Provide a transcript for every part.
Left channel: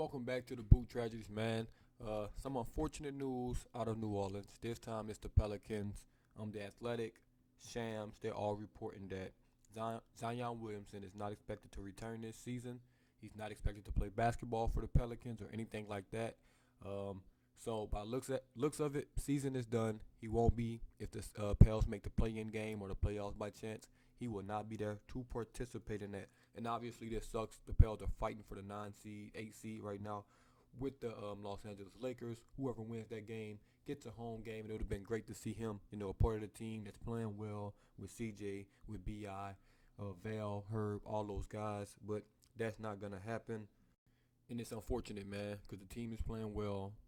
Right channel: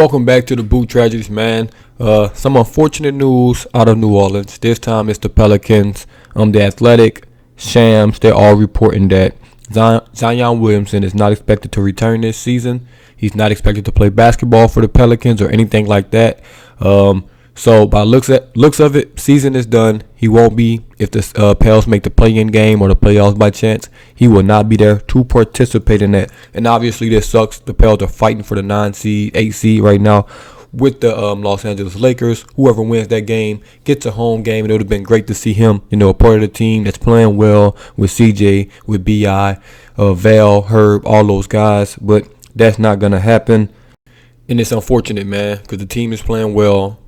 Welcome back to the Boot Tragedies, man. Some unfortunate news out of New Orleans. This time it's the Pelicans. The Athletic, Shams, they're all reporting that Zion Williamson is not expected to return this season. He's not expected to play basketball for the Pelicans or anything like that. So by looks of it, season is done. He won't be if the Pels make the play-in game or the playoffs by chance. He will not be there to participate in that. And obviously this sucks. The Pels are fighting for the 9 seed, 8 seed right now with the Los Angeles Lakers. Whoever wins that game gets a home game, and it would have been great to see him, a part of the team that's playing well with CJ, with BI, Val, Herb, all those guys. But that's not gonna happen, and it's unfortunate, man, because the team is playing well.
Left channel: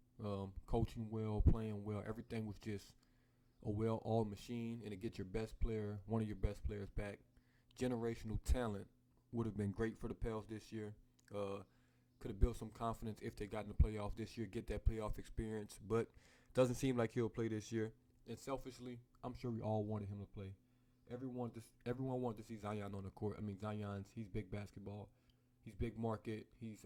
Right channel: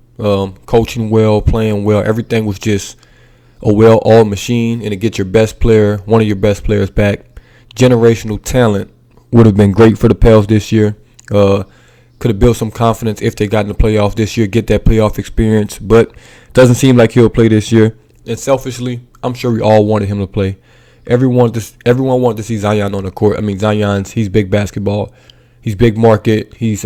Coaching well, playing well. Everything was just a well-oiled machine, and to get your best player, one of your best players back, generational talent, would have been great for the Pels this year. Could have built some confidence if they got in the playoffs this year, get that playoff experience, but doesn't seem like he'll play this year. And selfishly, I'm sure we all wanted him to play. Everyone wanted to see Zion on the court. I mean, he's big basketball. He's big market. He's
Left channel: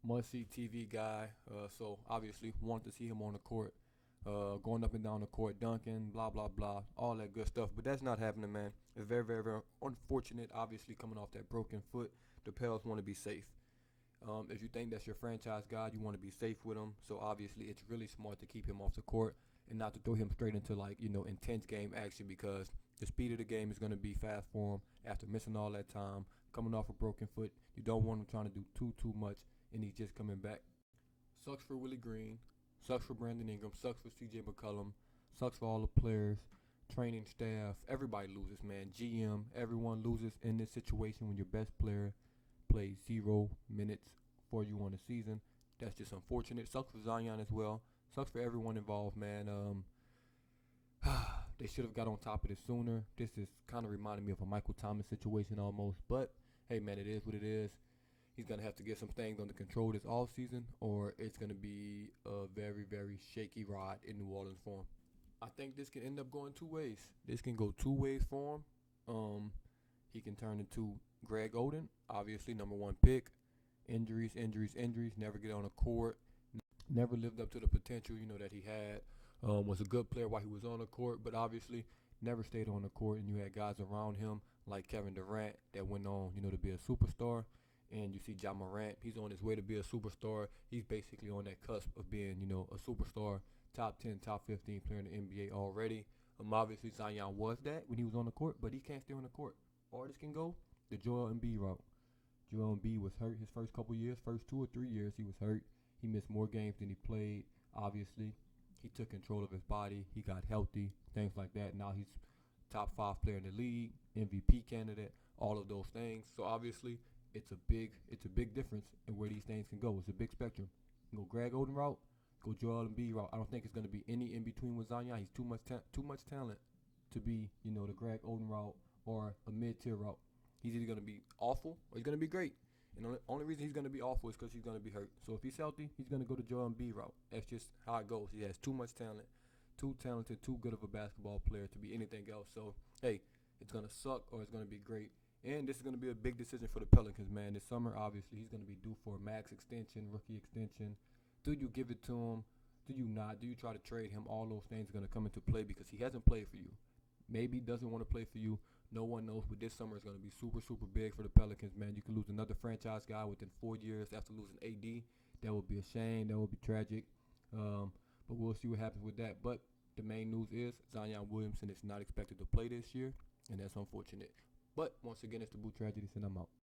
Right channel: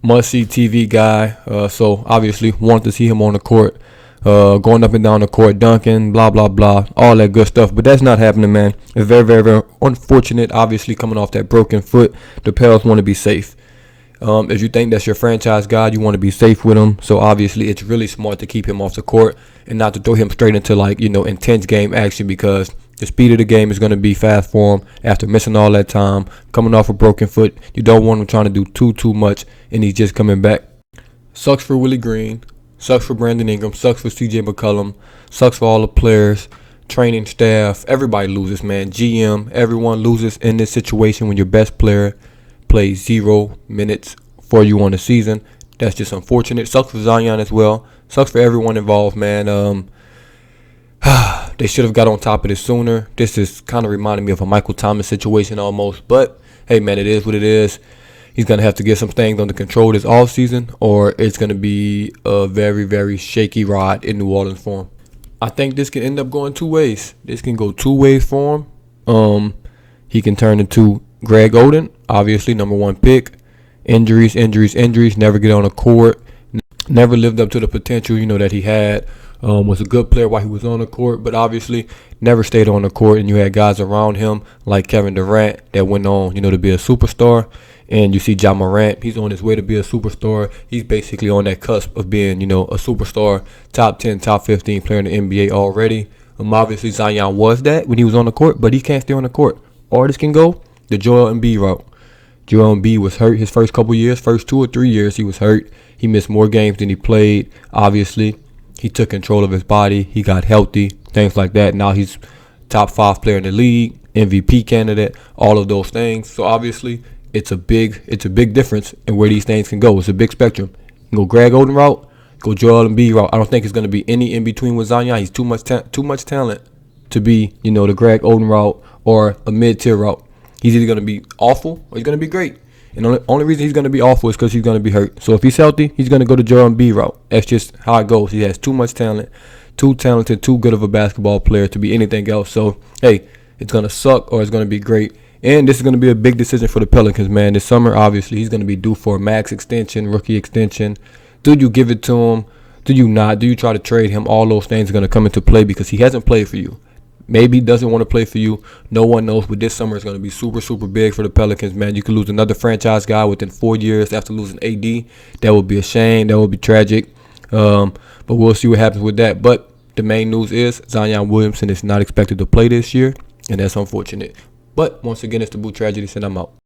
must-see TV guy, so obviously wanted to see him on the court, going up and down the court, dunking, blah, blah, blah, all that good stuff. But that's not happening, man. It's very, very, very unfortunate. Obviously, coming off that broken foot, the Pels want to be safe. If you think that's your franchise guy, you want to be safe with him. So obviously, it's really smart to keep him off the court and not to throw him straight into intense game action, because the speed of the game is going to be fast for him after missing all that time, coming off a broken foot. You don't want him trying to do too much, and he's just coming back. Sucks for Willie Green. Sucks for Brandon Ingram. Sucks for CJ McCollum. Sucks for all the players, training staff. Everybody loses, man. GM, everyone loses in this situation when your best player plays 0 minutes for you on the season. That's just unfortunate. Sucks for Zion as well. Sucks for everyone involved, man. They should have got on top of this sooner. This is kind of reminding me of a Michael Thomas situation almost. But, hey, man, it is what it is. He's going to have to get some things under control this offseason, or it's going to be a very, very shaky ride in New Orleans for him. I think this can end up going two ways. This can go two ways for him. He can turn into Greg Oden, obviously, number 1 pick. Injuries, never get on the court. Never lived up to the potential, that he had. Was a good player while he was on the court, but obviously never stayed on the court. And you had guys around him like Kevin Durant that went on, to be a superstar. And you see Ja Morant, he's on his way to be a superstar. He's basically on that cusp of being, a superstar, top 10, top 15 player in the NBA already. Obviously Zion was that when he was on the court, but he can't stay on the court. Or this can go the Joel Embiid route. Joel Embiid was hurt his first 2 or 3 years he was hurt. He missed more games than he played, obviously. He took control of his body. He got healthy, things like that. Now he's top 5 player in the league, MVP candidate, all of those things. So obviously, it's a big difference in where these things can go. It's a big spectrum. You can go Greg Oden route, go Joel Embiid route. I don't think it's going to be any in between with Zion. He's too much talent to be, the Greg Oden route or a mid-tier route. He's either going to be awful or he's going to be great. And the only reason he's going to be awful is because he's going to be hurt. So if he's healthy, he's going to go to Joel Embiid route. That's just how it goes. He has too much talent, too talented, too good of a basketball player to be anything else. So, hey, it's going to suck or it's going to be great. And this is going to be a big decision for the Pelicans, man. This summer, obviously, he's going to be due for a max extension, rookie extension. Do you give it to him? Do you not? Do you try to trade him? All those things are going to come into play because he hasn't played for you. Maybe he doesn't want to play for you. No one knows. But this summer is going to be super, super big for the Pelicans, man. You could lose another franchise guy within 4 years after losing AD. That would be a shame. That would be tragic. But we'll see what happens with that. But the main news is Zion Williamson is not expected to play this year, and that's unfortunate. But once again, it's the Boot Tragedy, and I'm out.